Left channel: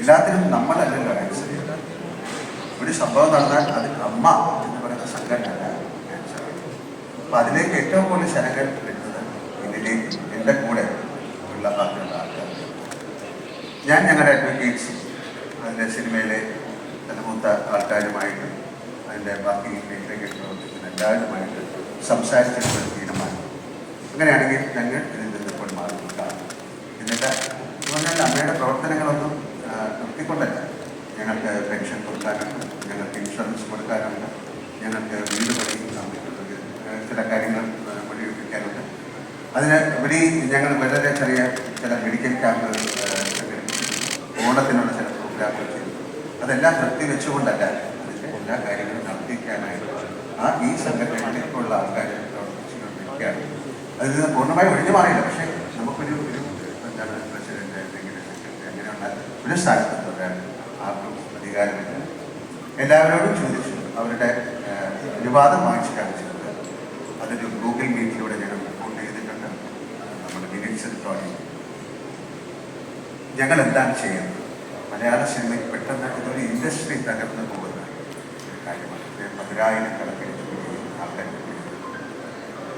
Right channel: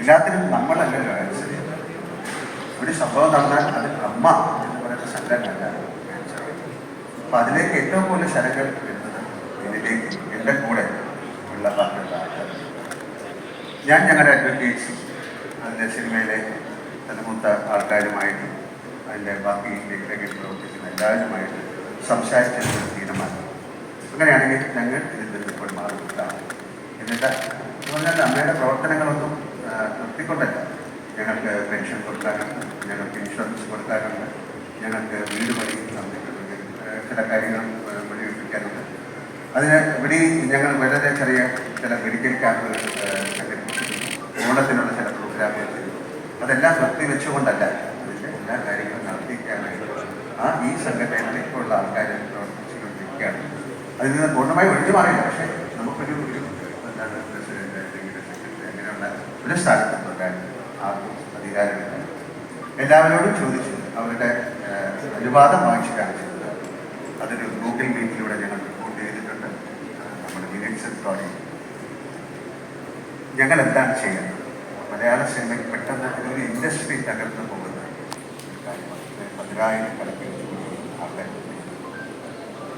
എല്ലാത്തിനും നമ്മളല്ല ഒരു സംഭവം നടന്നാൽ അത് അമ്മ എന്ന് പറയുന്ന സംഘടന അപ്പൊ അതിലേക്ക് ഏറ്റവും കൂടുതൽ സ്ഥലങ്ങൾ എന്നത് ഇതിലേക്ക് എന്റെ കൂടെ ഉള്ള ആൾക്കാർ. ഞാൻ ഞങ്ങളുടെ അഡ്വക്കേറ്റ്സ് അതിന്റെ സിനിമയിലെ തലമൂത്ത ആൾക്കാരുമായിട്ട് അതിന്റെ ബാക്കി പ്രവർത്തിക്കുന്ന എല്ലാവരുമായിട്ട് ഒരു തീരുമാനം. അങ്ങനെയാണെങ്കിൽ ഞങ്ങൾ ഇതിൽ നിന്ന് ഇപ്പോൾ മാറിയിട്ടാണ് എന്നിട്ട് അതുകൊണ്ടല്ല അമ്മയുടെ പ്രവർത്തനങ്ങളൊന്നും നിർത്തിക്കൊണ്ടല്ല. ഞങ്ങൾക്ക് പെൻഷൻ കൊടുക്കാനുണ്ട് ഞങ്ങൾക്ക് ഇൻഷുറൻസ് കൊടുക്കാനുണ്ട് ഞങ്ങൾക്ക് വീട് നടത്തിയിട്ടുണ്ട് ചില കാര്യങ്ങൾ ആ, മുന്നിലെത്തിക്കാനുണ്ട് അതിന് ഉപരി ഞങ്ങൾ വളരെ ചെറിയ ചില മെഡിക്കൽ ക്യാമ്പ് ഓണത്തിനുള്ള ചില പ്രോഗ്രാമുകൾ ചെയ്തു. അതെല്ലാം നിർത്തി വെച്ചുകൊണ്ടല്ല എല്ലാ കാര്യങ്ങളും നടത്തിക്കാനായിട്ട് ആ ഈ സംഘടനകളിലേക്കുള്ള ആൾക്കാരെ പ്രവർത്തിച്ചുകൊണ്ടിരിക്കുകയാണ്. അതിൽ നിന്ന് പൂർണമായി ഒഴിഞ്ഞു മാറില്ല പക്ഷേ നമുക്കൊരു ഒരു എന്താണ് പ്രസിഡന്റ് അങ്ങനെയുള്ള ഒരു തുടരാൻ ആർക്കും അധികാരമില്ല. എല്ലാവരോടും ചോദിച്ചു. അവരുടെ അനുവാദം വാങ്ങിച്ചു കാണിച്ചിട്ടുണ്ട് അതൊരു ഗൂഗിൾ മീറ്റിലൂടെ ഞങ്ങൾ റിപ്പോർട്ട് ചെയ്തിട്ടുണ്ട്. നമ്മുടെ ലിറിക്സ് കോളേജ് ഞങ്ങൾ എന്താണ് ചെയ്യുന്നത്? മലയാള സിനിമയ്ക്ക് പെട്ടെന്ന് ഇതൊരു ഇൻഡസ്ട്രി തകർന്നു പോകുന്ന കാര്യമാണ്. ഇത് പതിനായിരക്കണക്കിന് ആൾക്കാർ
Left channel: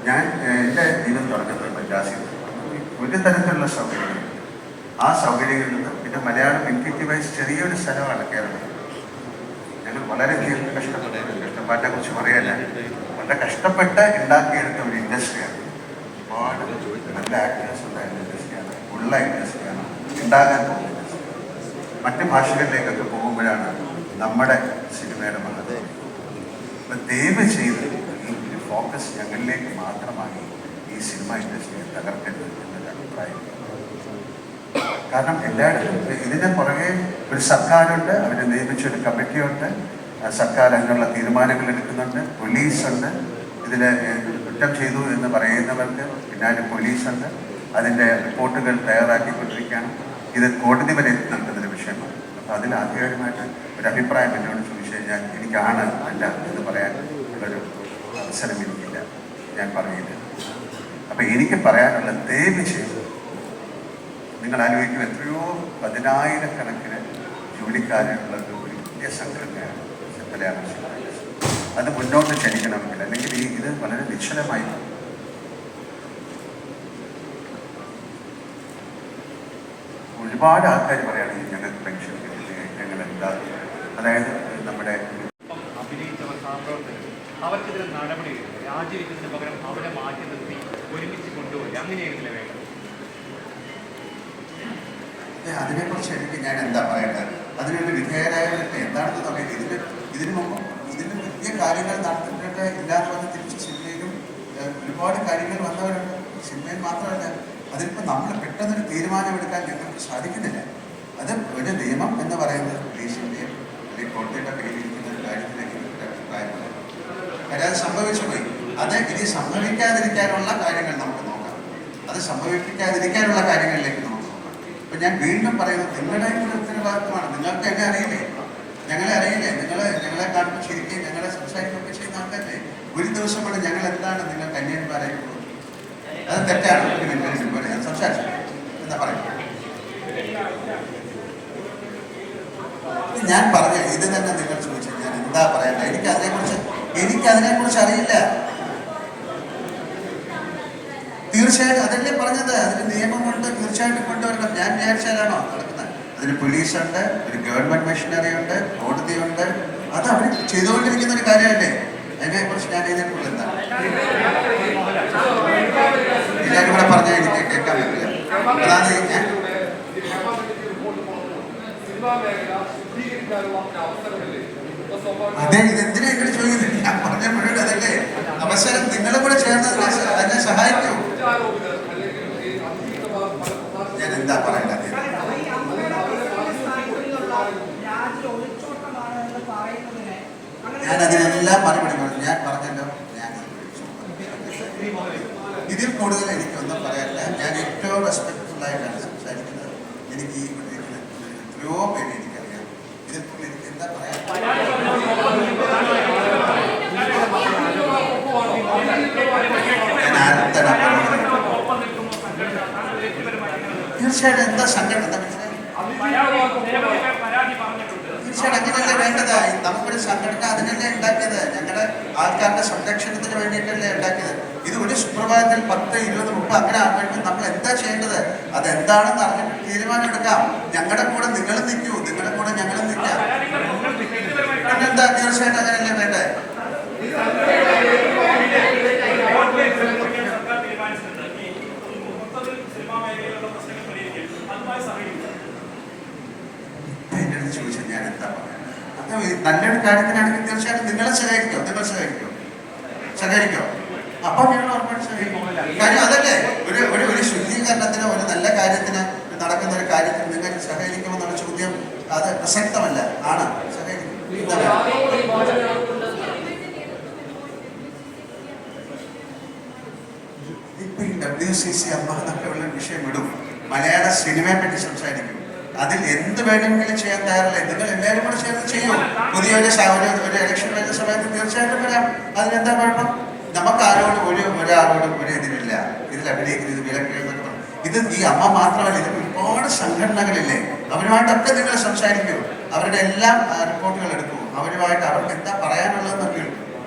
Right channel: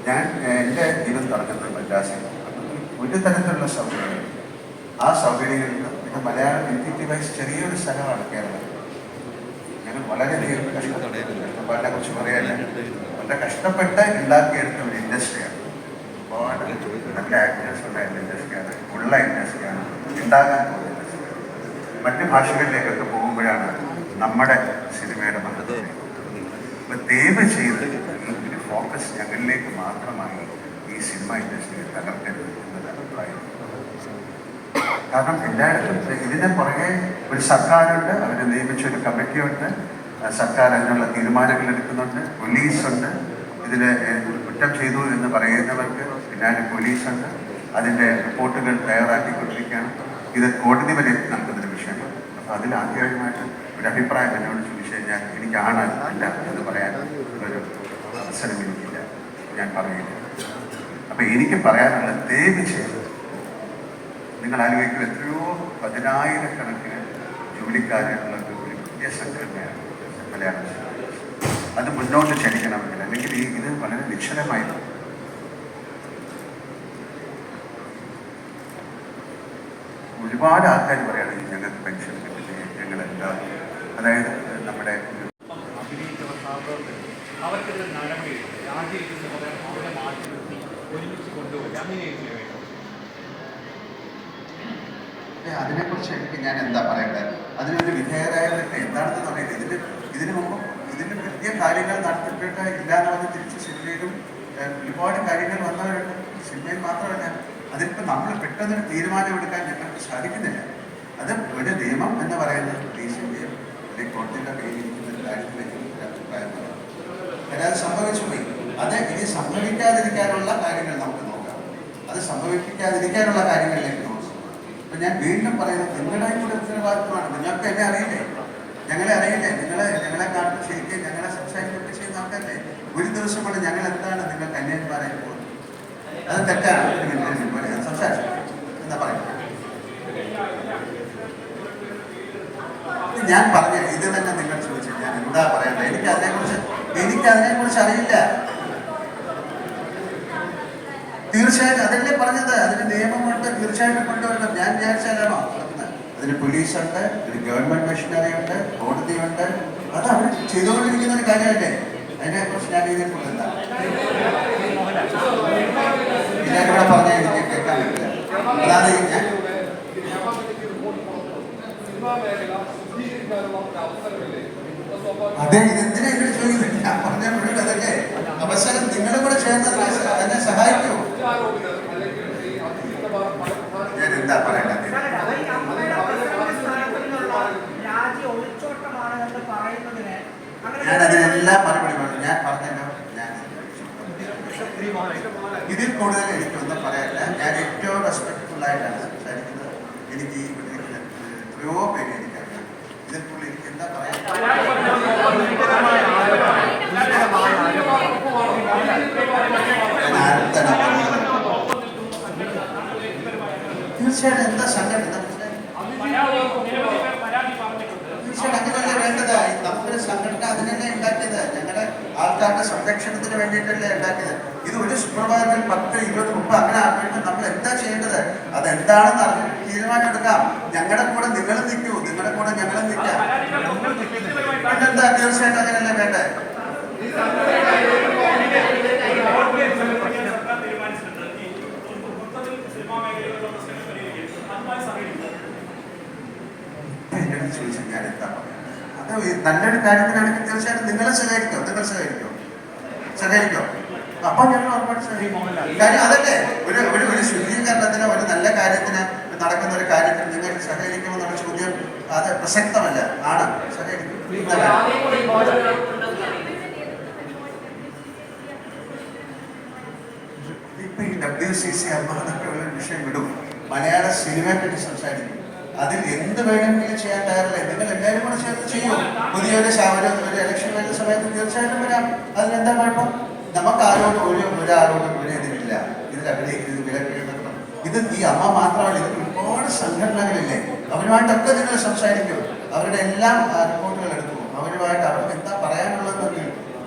ഞാൻ എന്റെ ജീവിതം തുടങ്ങുന്നത് മദ്രാസിൽ ഒരു തരത്തിലുള്ള സൗകര്യങ്ങൾ. ആ സൗകര്യങ്ങളിൽ നിന്ന് പിന്നെ മലയാളം ഇൻക്യൂറ്റീവായി ചെറിയൊരു സ്ഥലമാണ് കേരളം ഞങ്ങൾ വളരെയധികം കഷ്ടപ്പെട്ട കഷ്ടപ്പാടിനെ കുറിച്ച് പറയാനാണ് വളരെ കഷ്ടപ്പെട്ട് ഉണ്ടാക്കിയെടുത്ത ഒരു ഇൻഡസ്ട്രിയാണ്. ഒരുപാട് നല്ല ആക്ടേഴ്സ് ഉണ്ടായിരുന്ന ഇൻഡസ്ട്രിയാണ് ഉള്ള ഇൻഡസ്ട്രിയാണ് ഉണ്ടാകാൻ പോകുന്ന മറ്റ് ഭാഷകളിലേക്കൊക്കെ പോകുമ്പോഴാണ് നമ്മുടെ സിനിമയുടെ മഹത്വം. ദൈവ ചെയ്ത് ഫോക്കസ് ഞങ്ങളിലേക്ക് മാത്രമായി ഈ സിനിമ ഇൻഡസ്ട്രിയെ തകർക്കരുത് എന്നൊരു അഭിപ്രായം. കാരണം എല്ലായിടത്തും ഇതിന് പുറകെ ഒരു സർക്കാരുണ്ട് അവർ നിയമിച്ചൊരു കമ്മിറ്റിയുണ്ട്. സർക്കാർ അതിനുള്ള തീരുമാനങ്ങൾ എടുക്കുന്നുണ്ട്. പോലീസുണ്ട്. ഇതിൽ കുറ്റം ചെയ്തു എന്ന് പറയുന്നവർക്ക് പിന്നാലെ പോലീസുണ്ട്. അതിന്റെ റിപ്പോർട്ടുകൾ തയ്യാറാക്കിക്കൊണ്ടിരിക്കുകയാണ്. ഇത് കോടതി വരെ നടക്കുന്നൊരു വിഷയമാണ്. അപ്പോൾ അതിൽ ആദ്യമായിട്ട് ഒരു അഭിപ്രായം എന്നോട് ചോദിച്ചു കഴിഞ്ഞാൽ എനിക്കാണ് അല്ല എന്ന് പറയാൻ ഒരു അവസരം എനിക്കില്ല ഞാൻ പറയുന്നു. അപ്പോൾ എനിക്ക് പറയാനുള്ള ദയവ് ചെയ്ത് നിങ്ങൾ ആലോചിക്കും എത്രയോ പതിനായിരക്കണക്കിന് ജോലിക്കാരുള്ള ഒരു വലിയ സംഘടനയാണ് മലയാള അത് മുന്നോട്ട് ചലിക്കണമെങ്കിൽ അല്ലെങ്കിൽ ഈ ഇത് വളരെ നിശ്ചലമായി ഒരുപാട് ആൾക്കാർ പറയുകയാണെങ്കിൽ ഞങ്ങൾക്ക് പെൻഷൻ ഞങ്ങൾ എന്താ അതായത് നമ്മുടെ അവർക്കെതിരെ നടപടി രാജിവെക്കുന്നതിന് പകരം അവരെ മാറ്റി നിർത്തി ഒരുമിച്ച് കൊണ്ടുപോയി അങ്ങനെയായിരുന്നു എനിക്ക് ഞാൻ എന്താ പറയേണ്ടത്? അതിനൊരു വിധേയരായ എന്താണെന്ന് പറയുന്നത് ഇതിന് ഇതിന് മുമ്പ് ഇതിന് വലിയ കാര്യങ്ങൾ നടത്തിയിട്ട് ഇല്ലാതെ തിരിച്ച് സിനിമയിലും ഒരുപാട് കാര്യങ്ങൾ വന്നവരുണ്ട്. സിനിമയിൽ മാത്രമല്ല അതിപ്പോൾ നമ്മൾ പെട്ടെന്നൊരു തീരുമാനമെടുക്കാൻ ഞങ്ങൾക്ക് സാധിക്കുന്നില്ല. അത് ഒരു നിയമം എന്ന് പറയുന്നത് ദേശീയന്റെയും അല്ലെങ്കിൽ കോടതിയുടെ പേരിരിക്കുന്ന ഒരു കാര്യത്തിലേക്ക് അഭിപ്രായമില്ല അത് സംഭവിച്ചു പോയി. അത് ഇനി സംഭവിക്കാതിരിക്കാനുള്ള കാര്യങ്ങൾ നമുക്ക് നോക്കാം. അത് സംഭവിപ്പിക്കാതിരിക്കാനുള്ള കാര്യങ്ങളിലേക്ക് അപ്പൊ ഞാൻ വീണ്ടും പറയുന്നത് നിങ്ങളുടെ കൂടെ ഉത്തരവാദിത്വമാണ്. നിങ്ങൾക്ക് എന്നെ അറിയില്ലേ? ഞങ്ങളെ അറിയില്ലേ? നിങ്ങളെ ഞങ്ങളെ കാണുമ്പോൾ ശരിക്കും ഞങ്ങളെ സംസാരിക്കുകയൊക്കെ ചെയ്യുന്ന ആൾക്കാരല്ലേ? ഒരു ദിവസം കൂടെ ഞങ്ങൾ എന്താണ് നിങ്ങൾക്ക് അന്യായം പറയുന്നത്? അത് തെറ്റാണ്. ഞാൻ സംസാരിച്ചു. എന്താ പറയുക ഞാൻ പറഞ്ഞ ഇത് തന്നെ നിങ്ങൾ ചോദിച്ചു ഞാൻ എന്താ പറയണ്ടത്? എനിക്ക് അതിനെക്കുറിച്ച് എനിക്ക് അതിനെക്കുറിച്ച് അറിയില്ല. തീർച്ചയായും അതല്ലേ പറഞ്ഞത്? അതിന് നിയമമുണ്ട്. തീർച്ചയായിട്ടും കൊണ്ടുവരണം. ഞാൻ വിചാരിച്ചാലാണോ നടക്കുന്നത് അതിന് പോലീസുണ്ട് ഒരു ഗവൺമെന്റ് മെഷീനറി ഉണ്ട് കോടതിയുണ്ട്. അത് അവർ ചെയ്തുകൊണ്ടിരിക്കുന്ന ഒരു കാര്യമല്ലേ? ഇതിനെക്കുറിച്ച് എന്താ? ഞാൻ ഇവിടെ പറഞ്ഞാൽ എനിക്ക് കേൾക്കാൻ പറ്റില്ല. അതാണ് അതെ ഇതെന്തിനാ ഇവിടെ ചോദിക്കുന്നത് ഞാൻ പറഞ്ഞ മുഴുവൻ അതല്ലേ? അവസരം നിങ്ങളും കൂടെ ചേർന്നത് അതിനെ സഹായിക്കൂ. ഞാൻ എന്താ പറയേണ്ടത്? ഞാൻ അതിനെല്ലാം മറുപടി പറഞ്ഞു. ഞാൻ പറഞ്ഞല്ലോ. ഞാൻ ഇതിൽ കൂടുതൽ എനിക്കൊന്നും പറയാനില്ല. ഞാൻ ഏറ്റവും റെസ്പെക്ട്ഫുൾ ആയിട്ടാണ് സംസാരിക്കുന്നത്. എനിക്ക് എത്രയോ പേര് എനിക്കറിയാം. ഇതിൽ കൂടുതൽ എനിക്ക് എന്താ പറയാൻ തീർച്ചയായിട്ടും എന്താ സംഘടന തീർച്ചയായിട്ടും അങ്ങനെയല്ലേ വേണ്ടത്? നമുക്കൊരു സംഘടന അതിനല്ലേ ഉണ്ടാക്കിയത്? ഞങ്ങളുടെ ആൾക്കാരുടെ സംരക്ഷണത്തിന് വേണ്ടിയിട്ടല്ലേ ഉണ്ടാക്കിയത്? ഇത് ഒരു സുപ്രഭാതത്തിൽ പത്ത് ഇരുപത് മുപ്പത് അങ്ങനെ ആകുമ്പോൾ നമ്മൾ എന്താ ചെയ്യേണ്ടത്? അത് എന്താണെന്ന് അറിഞ്ഞിട്ട് തീരുമാനം എടുക്കാം. ഞങ്ങളുടെ കൂടെ നിങ്ങളും നിൽക്കൂ. നിങ്ങളുടെ കൂടെ ഞങ്ങളും നിൽക്കാം. എന്താ തീർച്ചയായിട്ടും അങ്ങനെയല്ലേ വേണ്ടേ സർക്കാർ തീരുമാനിച്ചിട്ടുണ്ട് ഈ മൊത്തത്തിൽ സിനിമാ മേഖലയിലുള്ള പ്രശ്നങ്ങൾ പരിഹരിക്കും അതുമായി സഹകരിക്കും എന്റെ ചോദിച്ചാൽ ഞാൻ എന്താ ഈ നല്ലൊരു കാര്യത്തിനാണെങ്കിൽ തീർച്ചയായിട്ടും നിങ്ങളെ സഹകരിക്കോ നിങ്ങൾ സഹകരിക്കോ സഹകരിക്കോ അപ്പൊ ഞങ്ങൾ സഹകരിക്കും അതല്ലേ ഒരു ഒരു ഒരു ശുദ്ധീകരണത്തിന് ഒരു നല്ല കാര്യത്തിന് നടക്കുന്ന ഒരു കാര്യത്തിന് നിങ്ങൾ സഹകരിക്കുമെന്നുള്ള ചോദ്യം അത് പ്രസക്തമല്ല ആണ് സഹകരിക്കും ഇപ്പൊ ഈ ഡബ്ല്യു സി സി അമ്മ വിഷയം വിടും. മലയാള സിനിമയെ പറ്റി സംസാരിക്കും. അതിൽ എന്ത് വേണമെങ്കിലും ചെയ്യാൻ തയ്യാറില്ല. എന്തെങ്കിലും എല്ലാവരും കൂടെ ചെയ്യാൻ ചെയ്യും. പുതിയൊരു സാഹചര്യം ഒരു ഇലക്ഷൻ വരുന്ന സമയത്ത് തീർച്ചയായിട്ടും വരാം. അതിനെന്താ കുഴപ്പം നമുക്ക് ആരോട് ഒരു ഒരാളോടും ഒരു ഇതിനില്ല ഇതിൽ അഭിനയിക്കുന്നത് വിലക്ക് ഇത് ഈ അമ്മ മാത്രമല്ല ഇതിൽ ഒരുപാട് സംഘടനകളില്ലേ? അവരുമായിട്ടൊക്കെ നിങ്ങൾ സംസാരിക്കൂ. അവരുടെ എല്ലാം റിപ്പോർട്ടുകൾ എടുക്കൂ. അവരുമായിട്ട് അവർക്ക് എന്താ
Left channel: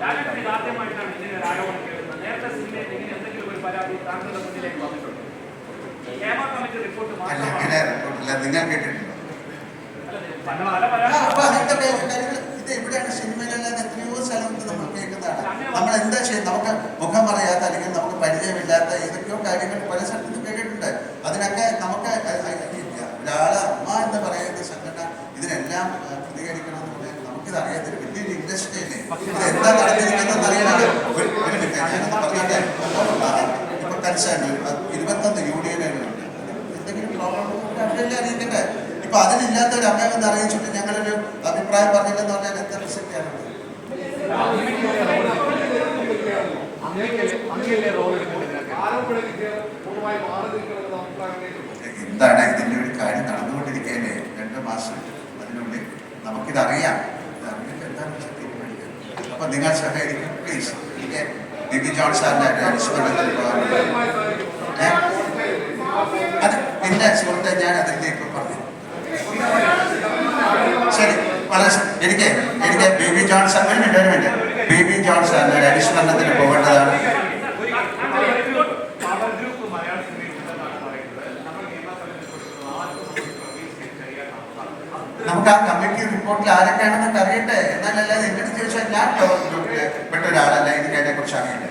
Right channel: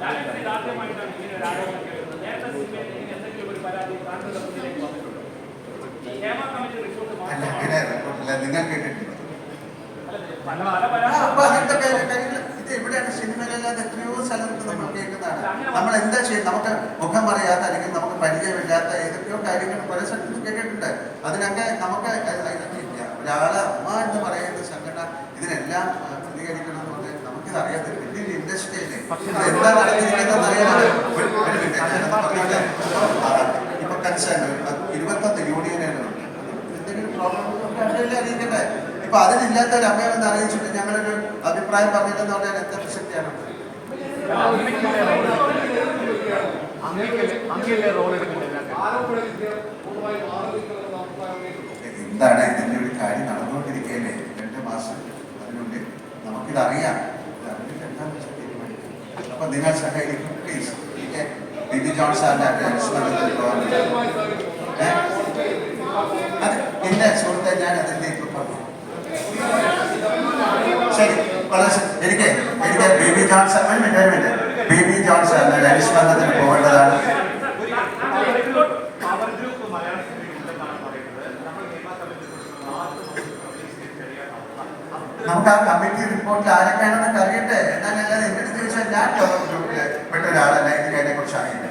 ലാലേട്ടൻ ഇത് ആദ്യമായിട്ടാണ് ഇങ്ങനെ ഒരു ആരോപണം കേൾക്കുന്നത്. നേരത്തെ സിനിമയിൽ ഇങ്ങനെ എന്തെങ്കിലും ഒരു പരാതി താങ്കളുടെ മുന്നിലേക്ക് വന്നിട്ടുണ്ടോ? നിങ്ങൾ കേട്ടിട്ടുണ്ടോ? അപ്പൊ അങ്ങനത്തെ ഇത് എവിടെയാണ്? സിനിമയിലല്ലാതെ എത്രയോ സ്ഥലത്ത് നമ്മൾ കേൾക്കുന്നതാണ്. നമ്മൾ എന്താ ചെയ്യുന്നത് നമുക്ക് മുഖം അറിയാത്ത അല്ലെങ്കിൽ നമുക്ക് പരിചയമില്ലാത്ത ഏതൊക്കെയോ കാര്യങ്ങൾ പല സ്ഥലത്തും കേട്ടിട്ടുണ്ട്. അതിനൊക്കെ നമുക്ക് ഒരാളെ അമ്മ എന്ന് പറയുന്ന സംഘടന ഇതിനെല്ലാം പ്രതികരിക്കണം എന്ന് പറഞ്ഞാൽ നമുക്കിത് അറിയാത്തൊരു വലിയൊരു ഇൻഡസ്ട്രി അല്ലേ ഇത് എന്താ നടന്നിരിക്കുന്നത് അറിയാനല്ലോ ഒരു ഒരു മിനിറ്റ് ഞാനൊന്ന് പറഞ്ഞോട്ടെ ആ, ഇപ്പൊ കൺസേൺ ഇരുപത്തൊന്ന് യൂണിയനുകളുണ്ട് എന്തെങ്കിലും പ്രോബ്ലം അവരെല്ലാം അറിയിക്കട്ടെ ഇപ്പൊ അതിനില്ലാത്ത ഒരു അമ്മയെന്ന് അറിയിച്ചിട്ട് ഞങ്ങളൊരു അഭിപ്രായം പറഞ്ഞില്ലെന്ന് പറഞ്ഞാൽ എത്ര ശക്തിയാണ് എന്താണ് ഇതിന്റെ ഒരു കാര്യം നടന്നുകൊണ്ടിരിക്കുകയല്ലേ? രണ്ട് മാസം അതിനുള്ളിൽ നമുക്കിതറിയാം. അറിയാം അപ്പൊ നിങ്ങൾ സഹകരിക്കും പ്ലീസ് ബിബി ജോൺ സാറിന്റെ അനുസ്മരണത്തിൽ അത് എന്റെ സുഹൃത്തെ ഞാൻ അതിലേക്ക് പറഞ്ഞു ശരി എനിക്ക് എനിക്ക് B B Johnson minute. B B Johnson അനുസ്മരണത്തിന് പോകേണ്ടതാണ്. നമുക്ക് ആ കമ്മിറ്റി റിപ്പോർട്ടിൽ ആരൊക്കെയാണെന്ന് അറിയട്ടെ. എന്നാലല്ലാതെ എന്നോട് ചോദിച്ചാൽ ഞാൻ പെട്ടൊരാളല്ല എനിക്ക് അതിനെ കുറിച്ച് അറിയില്ല.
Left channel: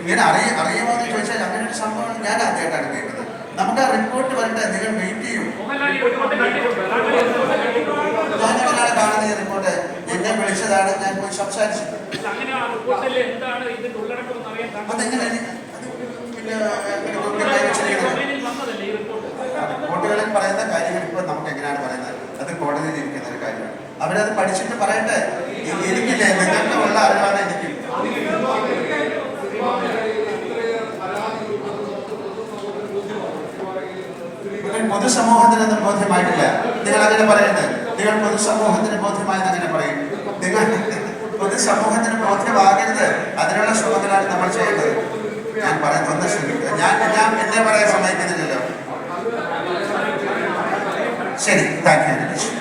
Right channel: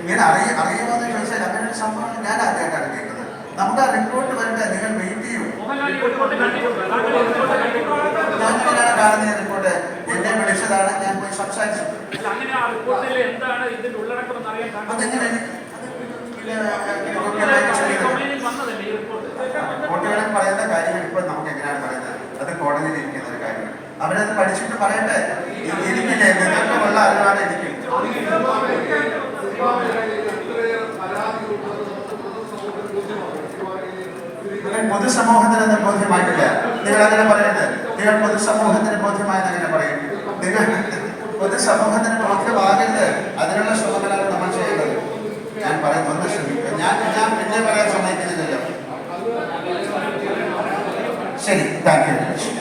ഇങ്ങനെ അറിയ അറിയുമോ എന്ന് ചോദിച്ചാൽ അങ്ങനെ ഒരു സംഭവം ഞാൻ കേൾക്കുന്നത് നമുക്ക് ആ റിപ്പോർട്ട് വരട്ടെ നിങ്ങൾ വെയിറ്റ് ചെയ്യൂ. ഞാൻ റിപ്പോർട്ട് എന്നെ വിളിച്ചതാണ് ഞാൻ പോയി റിപ്പോർട്ട് റിപ്പോർട്ടുകളിൽ പറയുന്ന കാര്യങ്ങൾ ഇപ്പോൾ നമുക്ക് എങ്ങനെയാണ് പറയുന്നത്? അത് കോടതിയിൽ ഇരിക്കുന്ന ഒരു കാര്യമാണ്. അവരത് പഠിച്ചിട്ട് പറയട്ടെ. എനിക്കില്ല ഉള്ള അറിവാണ് എനിക്കും സിനിമാ മേഖലയിൽ ഇത്രയേറെ പരാതികൾ ഉണ്ടെന്ന് നമുക്ക് പൊതുസമൂഹത്തിന് ബോധ്യമാണ് സിനിമാ മേഖലയിൽ നിങ്ങൾ പൊതുസമൂഹത്തിന് അത് ബോധ്യമായിട്ടില്ല. നിങ്ങൾ അങ്ങനെ പറയരുത്. നിങ്ങൾ പൊതുസമൂഹത്തിന് ബോധ്യമായെന്ന് അങ്ങനെ പറയും. നിങ്ങൾ പൊതുസമൂഹത്തിന് ബോധ്യമാകരുത്. അതിനുള്ള ശ്രമങ്ങളാണ് നമ്മൾ ചെയ്യുന്നത്. ഞാൻ പറയുന്നത് ഒന്ന് ശ്രമിക്കുക ഞാൻ ഞാൻ എന്നെ പറയാൻ സമ്മതിക്കുന്നില്ലല്ലോ. ശരി താങ്ക് യു.